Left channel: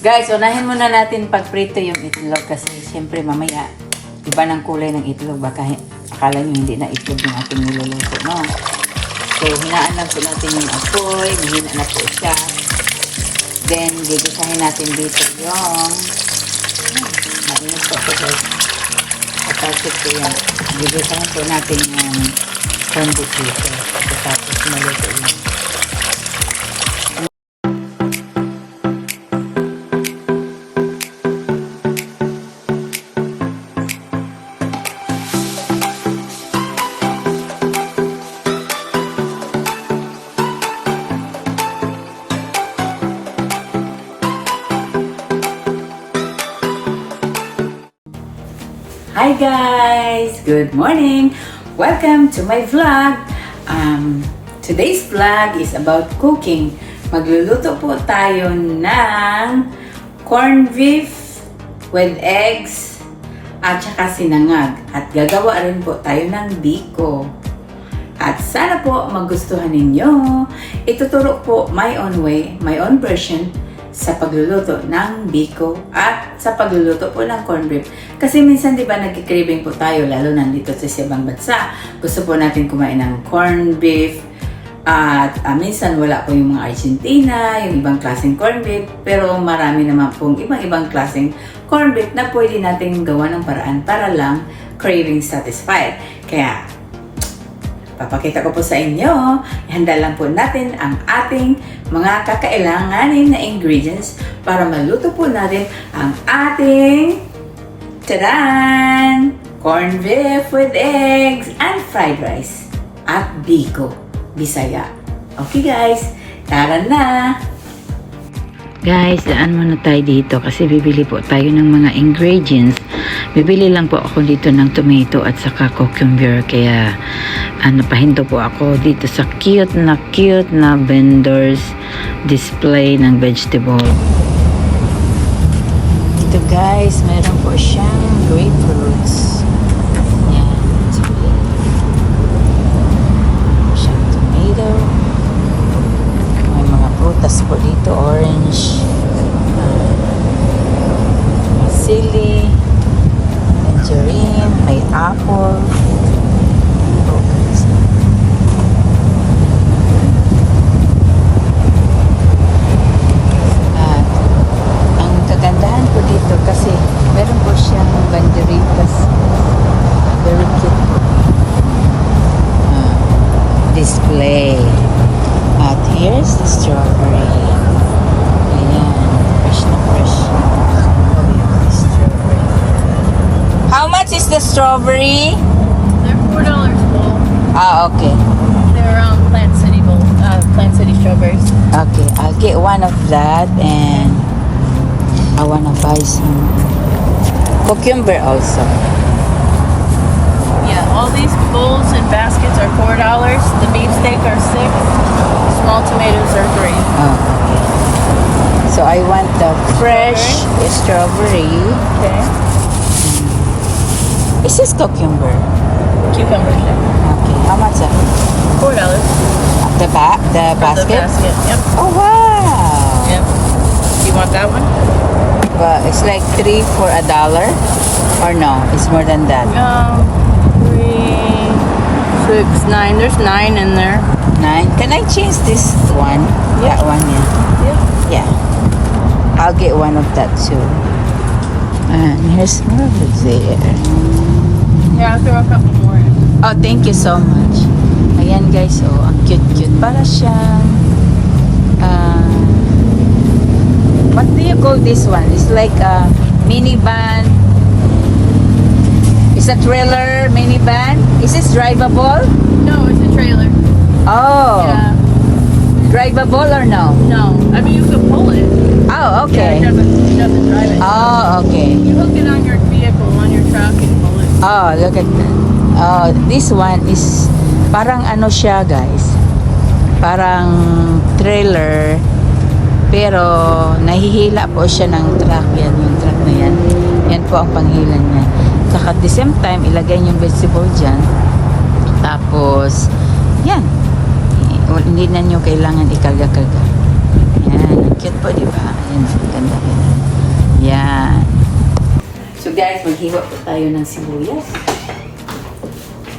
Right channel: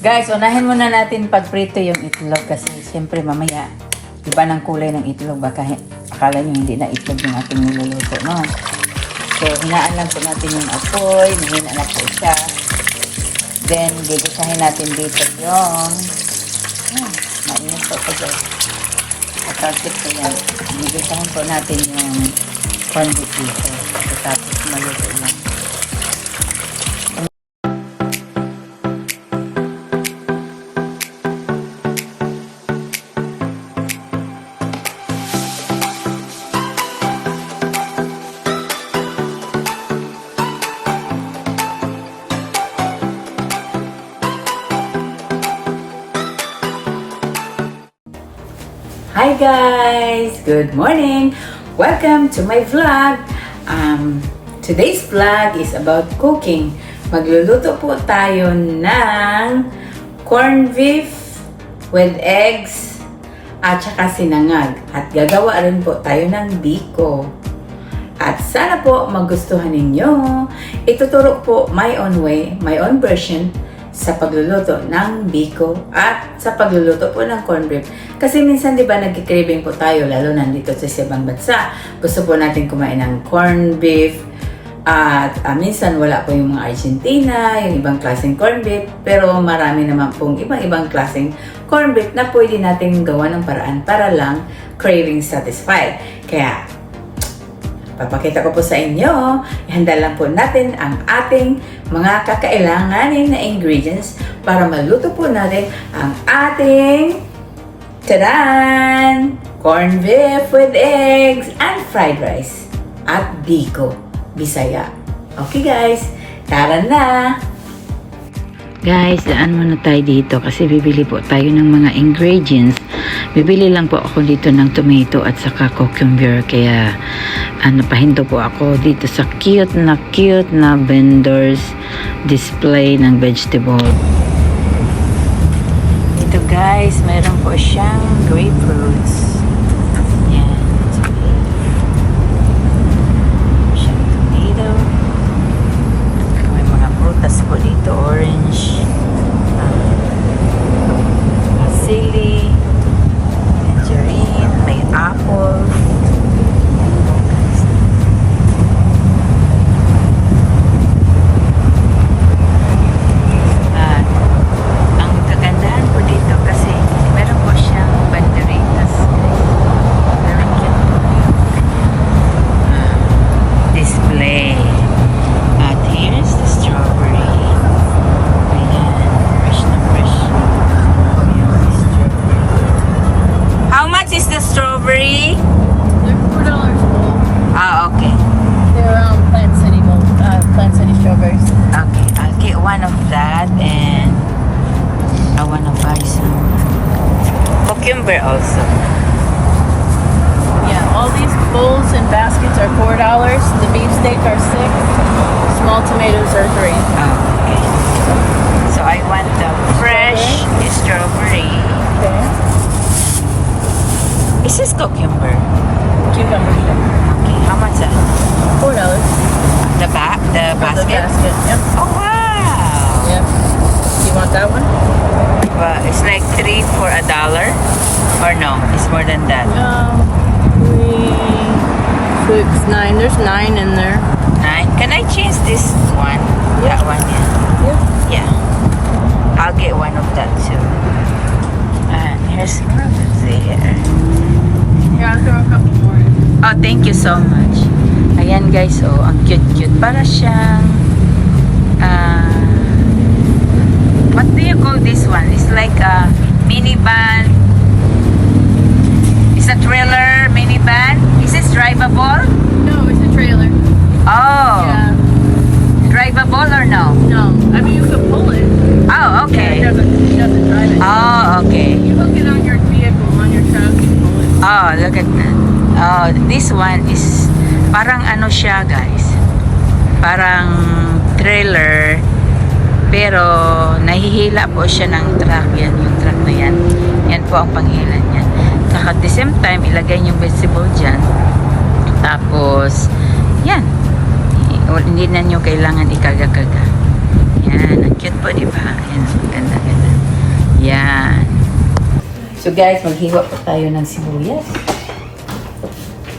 Guys, unahin muna natin pagprito yung itlog kasi siyempre mamaya iba ng kulay ng itlog. Baka akala nyo hindi na itlog yung ating niluluto, no? So, hinaan lang po natin yung apoy. Hina na po siya. Then, bibisahin natin dito yung hmm, mainit po po guys. Kapalsip ko yan. Bibisahin po natin yung condit dito. Tapos maluto yan. Guys! Good morning! Welcome to my vlog! Um, today's vlog is about cooking. Magluluto po tayo ng corned beef with eggs at saka sinangag. At gagawa rin po tayo ng biko. At sana po magustuhan ninyo. Ituturo po my own way, my own version sa pagluluto ng biko at sa pagluluto po ng corned beef. Kasi minsan 'di ba nagki-craving po tayo lalo nandito sa ibang bansa. Gusto po natin kumain ng corned beef at ah, minsan wala po yung mga Argentina, yung ibang klaseng corned beef, pero marami naman pong ibang-ibang klaseng corned beef na pwede nating gawa ng paraan para lang craving satisfied. Kaya Papakita ko po sa inyo, ihanda lang po natin ang ating mga kakailanganin na ingredients para maluto po natin ang ating tadan! Corned beef with eggs and fried rice at biko, bisaya. Okay guys, tara na! Guys, daan muna tayo dito kasi bibili po tayo ng mga ingredients. Bibili lang po ako dito ng tomato at saka cucumber. Kaya ano, pahinto po ako dito sa cute na cute na vendors display ng vegetable. Guys, meron po siyang grapefruits. Yan. Siyang tomato. May mga prutas po dito, orange, uh, sili, tangerine, may apple. Yeah, all these bowls and baskets are four dollars. The beefsteak are six. Small tomatoes are three. Oh. So I want the fresh strawberry. Okay. Is this cucumber? Cucumber. yeah. Okay, how much? uh, Four dollars. The ba the basket. The basket? basket. Yep. Oh wow! Yep. You want that one? But it's like three for a dollar, or no? It's more than that. Um, three, six, nine. There's nine in there. Nine. Can I change this one? Yeah. That one. yeah. Yeah. Yeah. I'll get one of that too. And here's there. Here, I'll throw a couple more in. Oh, thank you so much. Ayan guys, oh, ang cute-cute. Para siyang, ah, what do you call this one? It's like a minivan. It's a trailer minivan. Is this drivable? No, it's a trailer. Oh, Yeah. drivable or no? No. I mean, you can pull it. Oh, Yeah, okay. it doesn't, it doesn't drive it. Oh, okay. You hook it on your vehicle, on your truck, and pull it. Oh, look at that. Oh, this one is parang ano siya, guys. Parang trailer pero nahihila po siya ng truck. Yan yung truck na yan. Yan po ang panghila niya. Saka at the same time, ilagay niyo yung vegetable dyan. Tapos, yan. Hindi na niyo kailangan ikarga-karga. Yan. Ang cute po, di ba? Ayan, ganda ganda. Yan. So guys, maghiwa po tayo ng sibuyas.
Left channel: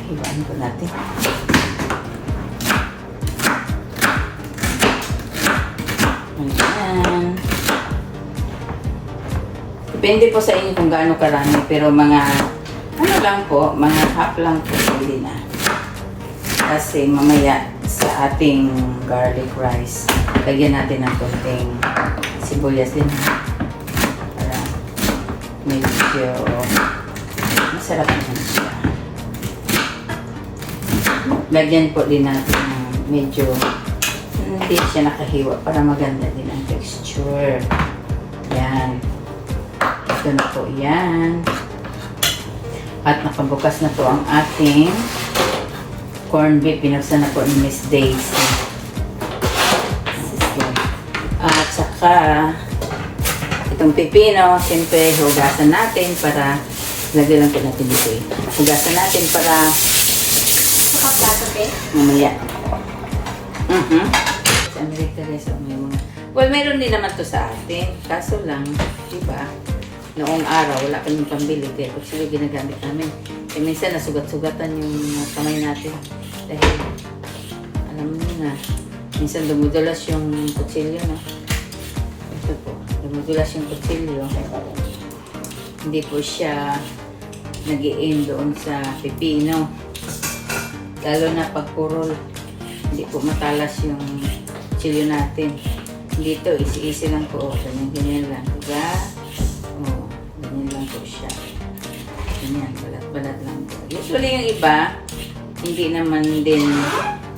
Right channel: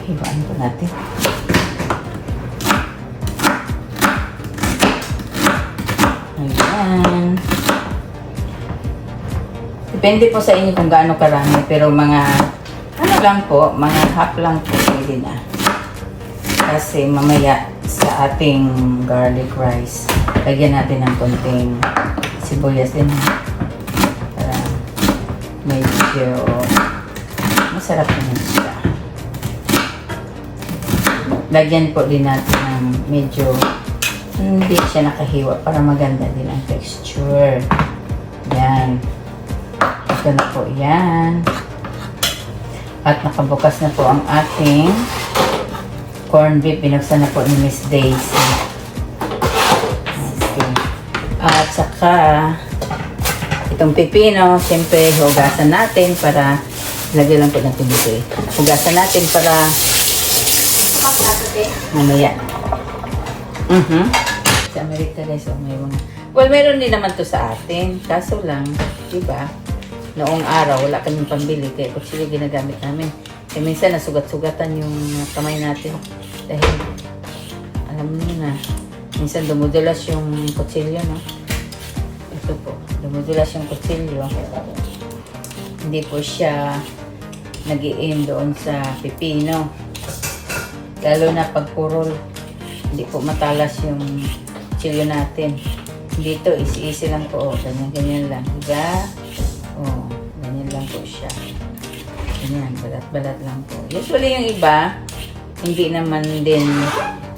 Hiwaan po natin. Ayan. Depende po sa inyo kung gaano karami. Pero mga, ano lang po, mga half lang po pwede na. Kasi mamaya sa ating garlic rice, lagyan natin ng konting sibuyas din. Para medyo masarap naman siya. Lagyan po din natin ng medyo hindi siya nakahiwa para maganda din ang texture. Yan. Ito na po yan. At nakabukas na po ang ating corn beef. Binuksan na po ni Miss Daisy. Okay. At saka, itong pipino, siyempre hugasan natin para, lagyan lang po natin dito eh. Hugasan natin para mamaya. Mhm. Sa Amerika guys, oh, may mga... Well, meron din naman to sa atin. Kaso lang, di ba? Noong araw, wala kaming pambili. Kaya kutsilyo ginagamit namin. Kaya minsan, nasugat-sugatan yung kamay natin. Dahil, alam niyo na, minsan dumudulas yung kutsilyo, no? Ito po, dumudulas yung kutsilyo. Hindi po siya nag doon sa pipino. Lalo na pag purol, hindi po matalas yung chilyo natin. Dito, easy-easy lang po. Oh, ganyan-ganyan lang. Diba? Oh, ganyan lang po siya. Ganyan, balat-balat lang po. Usually yung iba, hindi naman din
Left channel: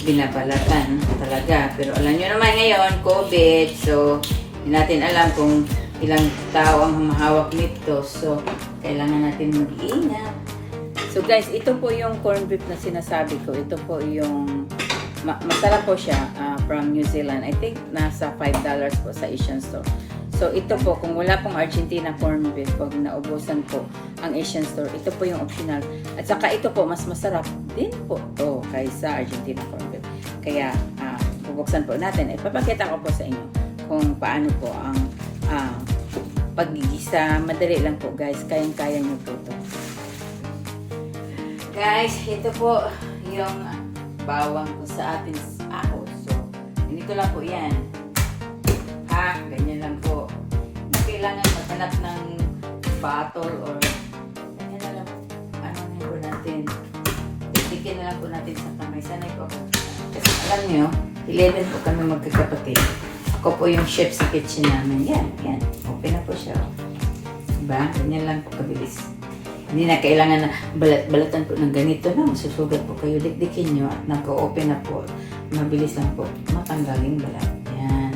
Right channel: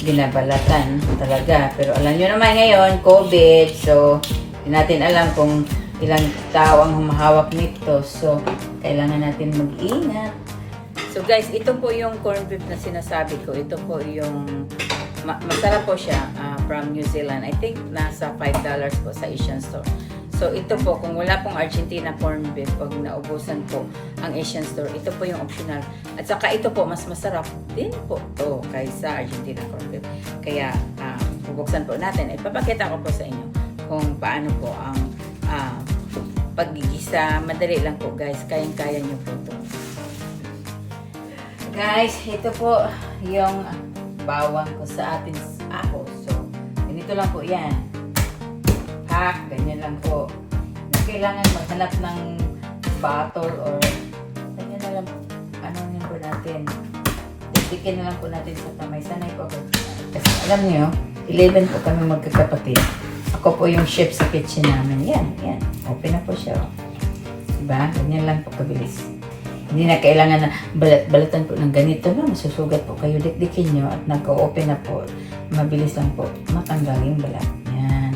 binabalatan talaga. Pero alam nyo naman ngayon, COVID, so hindi natin alam kung ilang tao ang humahawak nito. So, kailangan natin mag-ingat. So guys, ito po yung corned beef na sinasabi ko. Ito po yung ma- masarap po siya ah, from New Zealand. I think nasa $5 po sa Asian store. So ito po, kung wala pong Argentina corned beef, pag naubusan po ang Asian store, ito po yung optional. At saka ito po, mas masarap din po to kaysa Argentina corned beef. Kaya, ah, bubuksan po natin. Ipapakita ko po sa inyo kung paano po ang ah, paggigisa. Madali lang po guys, kayang-kaya niyo po to. Guys, ito po yung bawang ko sa ating ahos. So, ganito lang po yan. Hack, ganyan lang po. Hindi kailangan maghanap ng bottle or ganyan na lang. Ano yun po natin. Tikikin na lang po natin sa kamay. Sanay po ako. Kasi alam niyo, 11 po kami magkakapatid. Ako po yung chef sa kitchen namin. Yan, yan. Open na po siya. Diba? Ganyan lang po kabilis. Hindi na kailangan na balat-balatan po ng ganito na masusugat po kayo. Dikdikin nyo at nag-open na po. Mabilis lang po matanggal yung balat. Yan.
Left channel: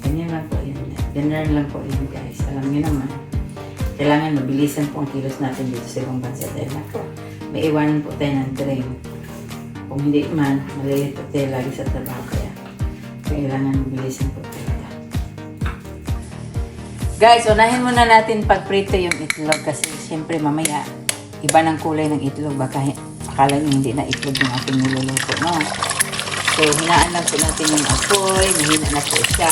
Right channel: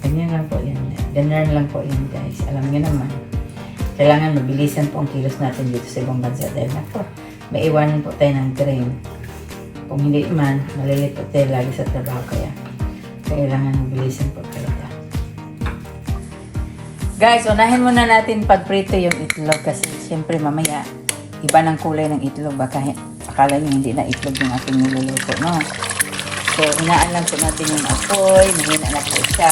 Ganyan lang po yun. Ganyan lang po yun guys. Alam nyo naman. Kailangan mabilisan po ang kilos natin dito sa ibang bansa dahil na po. May iwanan po tayo ng train. Kung hindi man, malayit po tayo lagi sa trabaho kaya. Kailangan mabilisan po tayo. Guys, unahin muna natin pagprito yung itlog kasi siyempre mamaya iba ng kulay ng itlog. Baka akala nyo hindi na itlog yung ating niluluto. No? So, hinaan lang po natin yung apoy. Hina na po siya.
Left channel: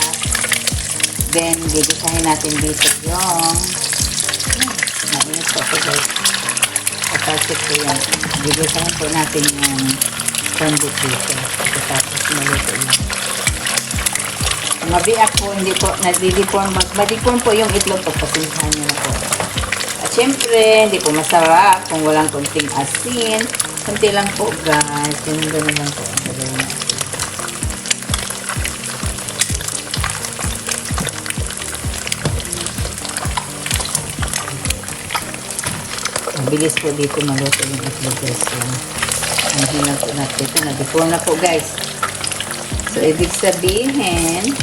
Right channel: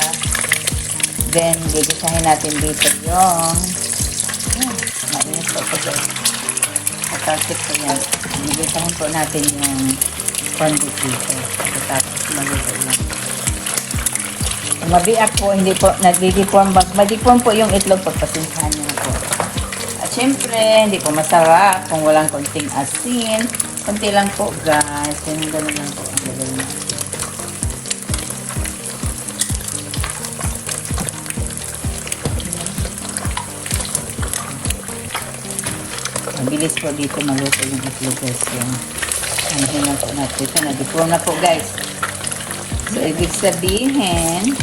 Then, gigisahin natin dito yung hmm, mainit po po guys. Kapalsit po yan. Gigisahin po natin yung beef dito. Tapos maluto yan. Mabiak po, hindi po, nagdidipon, madipon po yung itlog pagpasihan niyo po. At syempre, hindi po masarap kung walang konting asin. Kunti lang po guys, yung ganun lang po ang gagawin natin. Mabilis po dito maluto yung itlog guys. So, hindi na po natin. Nagdipon na po guys. So, ibig sabihin,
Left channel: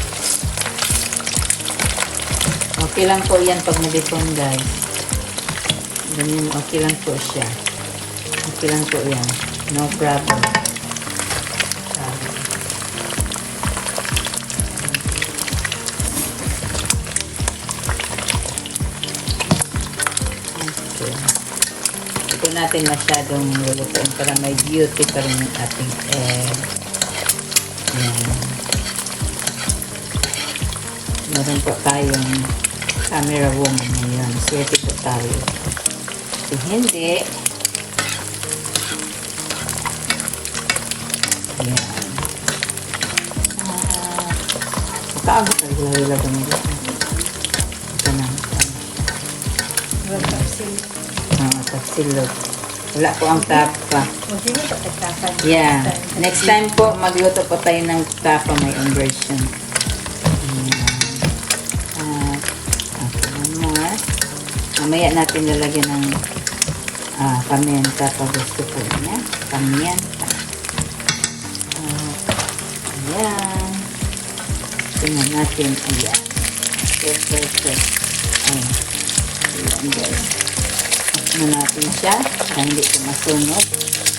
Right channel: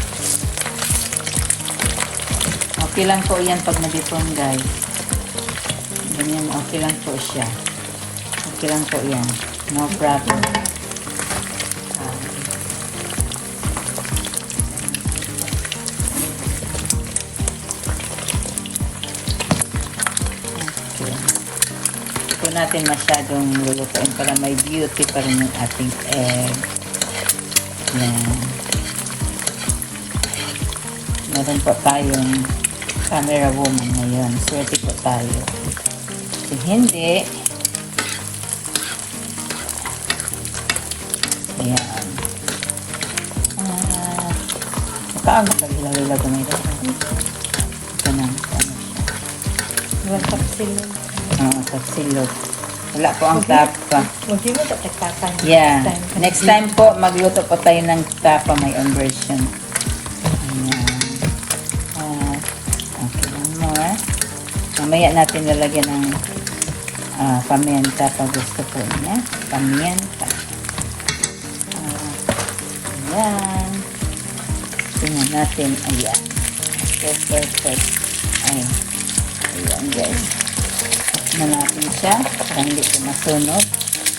okay lang po yan pag nabipon guys. Ganyan, okay lang po siya. Okay lang po yan. No problem. Natin masyadong lulutuin para may beauty pa rin ating egg. Ayan. Meron po tayong camera woman ngayon. Swerte po tayo. Kung hindi, ayan. Ah, kaaga pa lalo ko nila. Ito na. Wala pa sila. Ah, kapsilot. Wala po ang tapa. Yeah. Next time po, magluto po tayo ng tapa may own version. Ayan. Ah, okay lang. Mamaya natin lalagyan ng ah, pamienta pa gusto po niya. Pamienta. Ah, ayan. Tingnan natin. Ayan. Perfect. Ayan. Ayan guys. Natin siya para hindi po masunog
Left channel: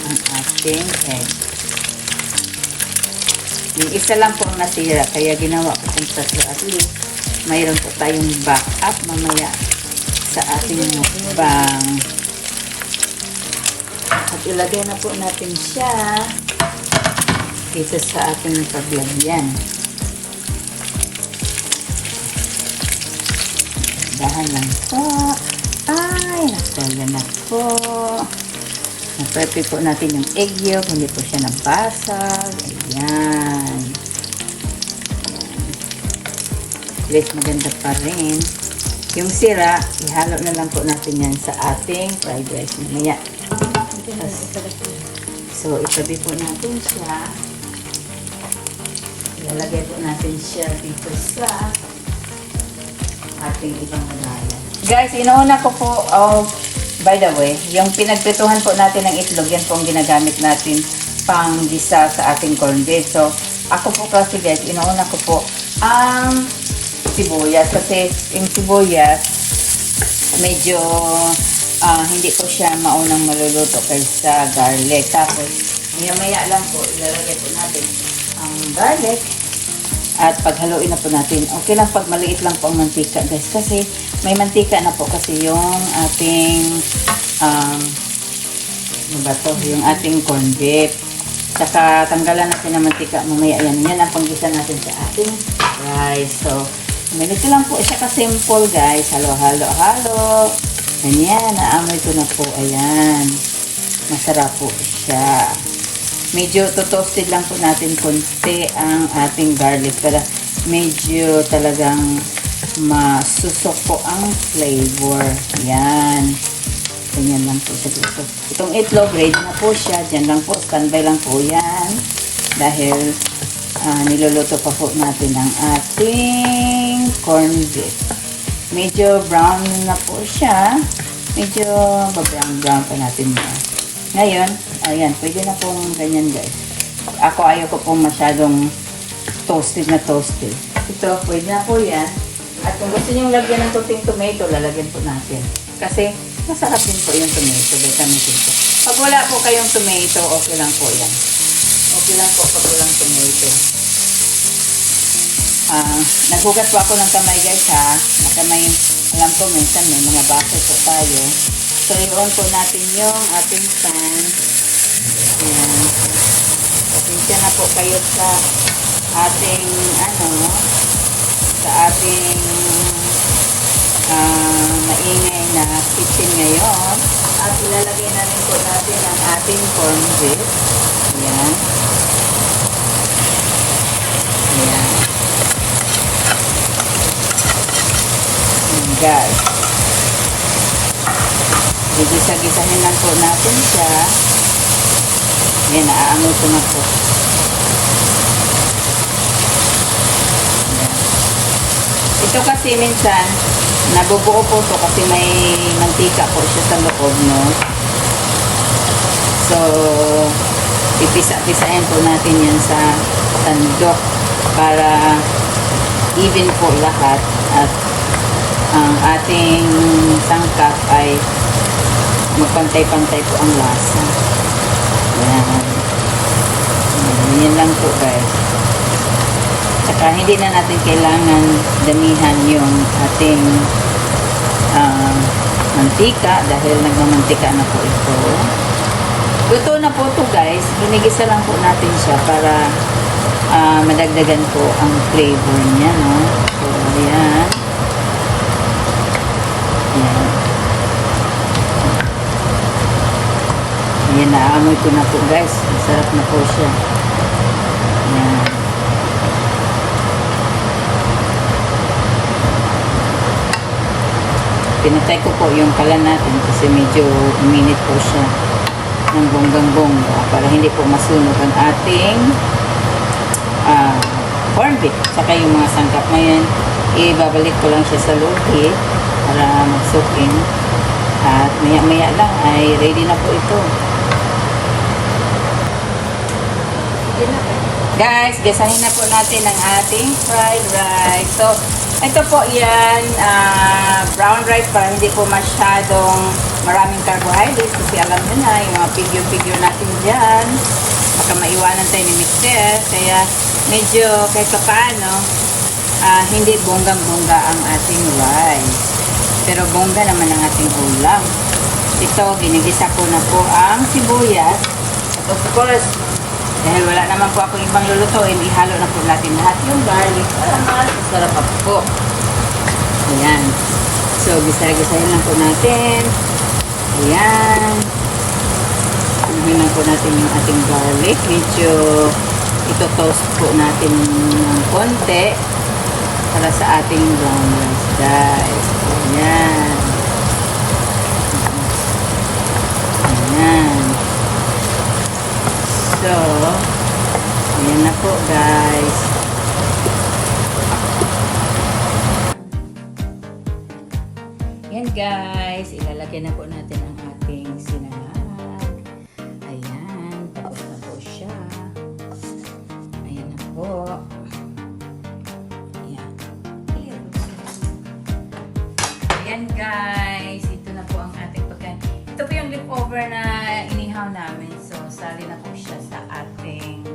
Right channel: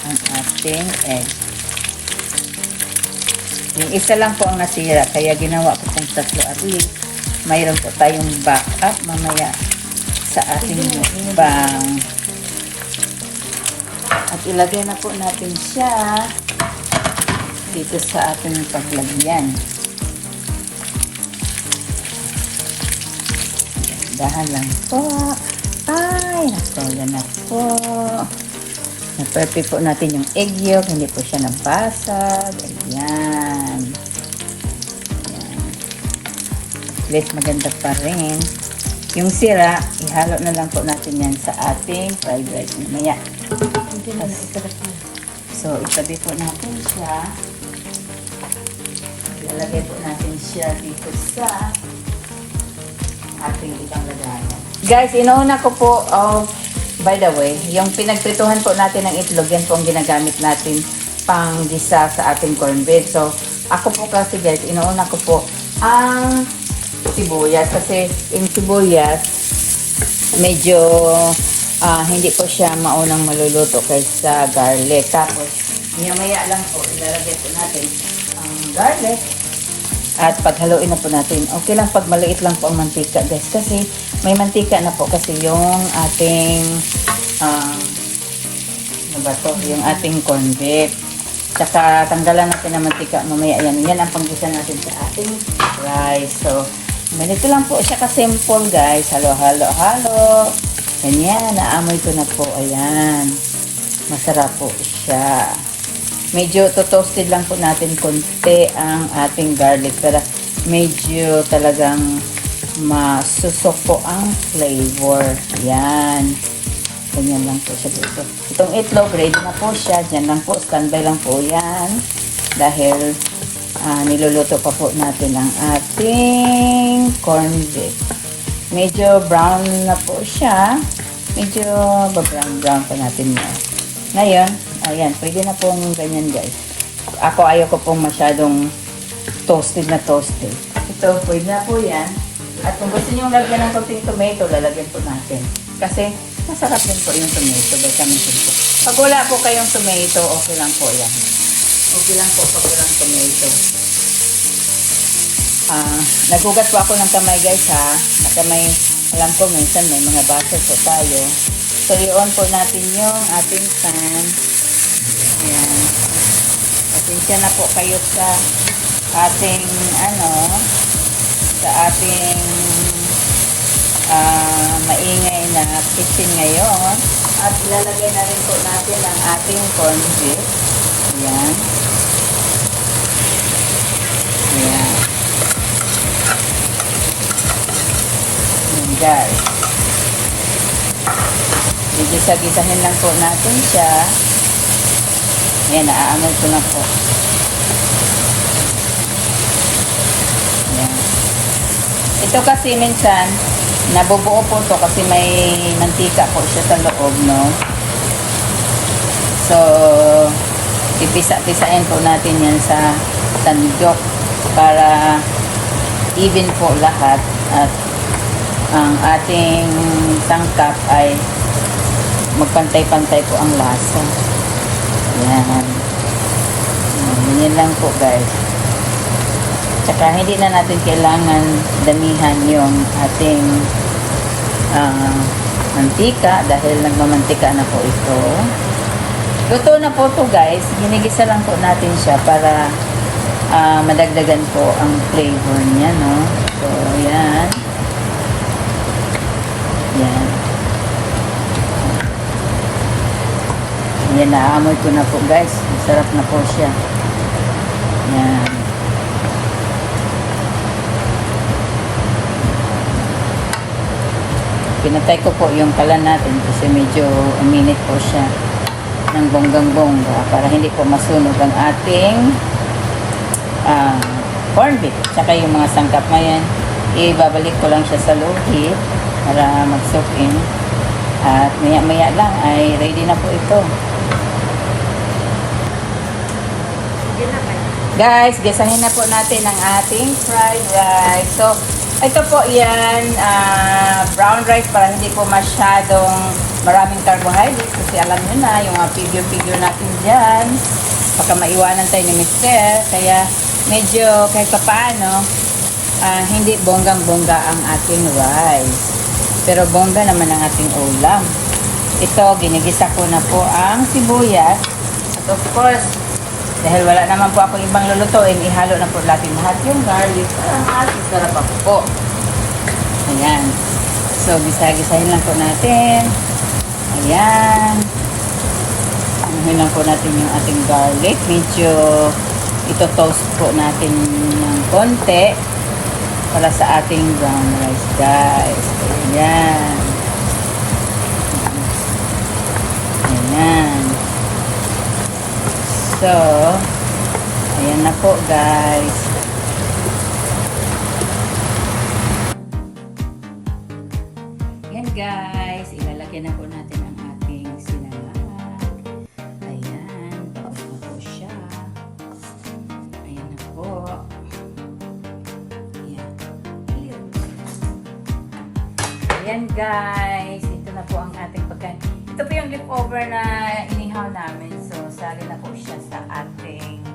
ang ating egg. Yung isa lang po ang nasira, kaya ginawa ko itong tatlo. At mayroon po tayong backup mamaya sa ating bang. At ilagay na po natin siya dito sa ating paglagyan. Dahan lang po. Ay, nagtala na po. Na-prepare po natin yung egg yolk. Hindi po siya nabasag. Ayan. At maganda pa rin. Yung sira, ihalo na lang po natin yan sa ating fried rice. Mamaya. So, itabi po natin siya. Ilalagay po natin siya dito sa ating ibang lagayan. Guys, inuuna ko po, um, by the way, yung pinagprituhan po natin ng itlog, yan po ang ginagamit natin pang gisa sa ating corned beef. So, ako po kasi guys, inuuna ko po ang sibuyas. Kasi yung sibuyas, medyo ah, hindi po siya maunang maluluto kaysa garlic. Tapos, maya lang po, ilalagay po natin ang garlic. At paghaluin na po natin, okay lang pag maliit lang po ang mantika guys. Kasi may mantika na po kasi yung ating, um, ano ba to? Yung ating corned beef. Saka tanggalan natin ng mantika mamaya. Yan, yan ang panggisa natin sa ating rice. So, Ganito lang po siya ka-simple guys. Halo-halo, halo. Ganyan, naamoy ko na po. Ayan. Masarap po siya. Medyo to-toasted lang po natin konti ang ating garlic para medyo talagang masusok po ang flavor. Ayan. Ganyan lang po siya dito. Itong itlog, ready na po siya. Diyan lang po, standby lang po yan. Dahil ah, niluluto pa po natin ang ating corned beef. Medyo brown na po siya. Medyo brown-brown pa natin yan. Ngayon, ayan, pwede na pong ganyan guys. Ako ayaw ko pong masyadong toasted na toasted. Ito, pwede na po yan. At kung gusto nyo lagyan ng konting tomato, lalagyan po natin. Kasi masarap din po yung tomato. Vitamin C po. Pag wala po kayong tomato, okay lang po yan. Okay lang po pag walang tomato. Ah, naghugas po ako ng kamay guys ha. Nakamay, alam ko minsan may mga baso po tayo. So, i-on po natin yung ating pan. Ayan. Pasensya na po kayo sa ating ano, sa ating ah, maingay na kitchen ngayon. At ilalagay na rin po natin ang ating corned beef. Ayan. Ayan. Ayan, guys. Medyo sagisahin lang po natin siya. Ayan, naaamoy ko na po. Ito kasi minsan, nabubuo po to kasi may mantika po siya sa loob, no? So, pipisa-pisain po natin yan sa tandok para even po lahat at ang ating sangkap ay magpantay-pantay po ang lasa. Yan. Yan, yan lang po guys. Tsaka hindi na natin kailangan damihan yung ating ah, mantika dahil nagmamantika na po ito. Luto na po ito guys. Ginigisa lang po natin siya para ah, madagdagan po ang flavor niya. No? So, yan. Ayan, naamoy ko na po guys. Masarap na po siya. Ayan. Pinatay ko po yung kalan natin kasi medyo uminit po siya ng bonggang-bongga para hindi po masunog ang ating ah corned beef. Tsaka yung mga sangkap ngayon, ibabalik ko lang siya sa lugi para mag-soak in. At maya-maya lang ay ready na po ito. Guys, gasahin na po natin ang ating fried rice. So, ito po yan, ah, brown rice para hindi po masyadong maraming carbohydrates kasi alam nyo na, yung mga figure-figure natin dyan, baka maiwanan tayo ni Mixer. Kaya medyo kahit pa paano, ah, hindi bonggang-bongga ang ating rice. Pero bongga naman ang ating ulam. Ito, ginigisa ko na po ang sibuyas. At of course, dahil wala naman po ako ibang lulutuin, ihalo na po natin lahat yung garlic para mas masarap pa po. Ayan. So, gisa-gisahin lang po natin. Ayan. Anuhin lang po natin yung ating garlic. Medyo ito toast po natin ng konti para sa ating brown rice, guys. Ayan. So, ayan na po guys. Ayan guys, ilalagay na po natin ang ating sinangag. Ayan, tapos na po siya. Ayan na po. Ayan. Ayan guys, ito na po ang ating pagkain. Ito po yung leftover na inihaw namin. So, sali na po siya sa ating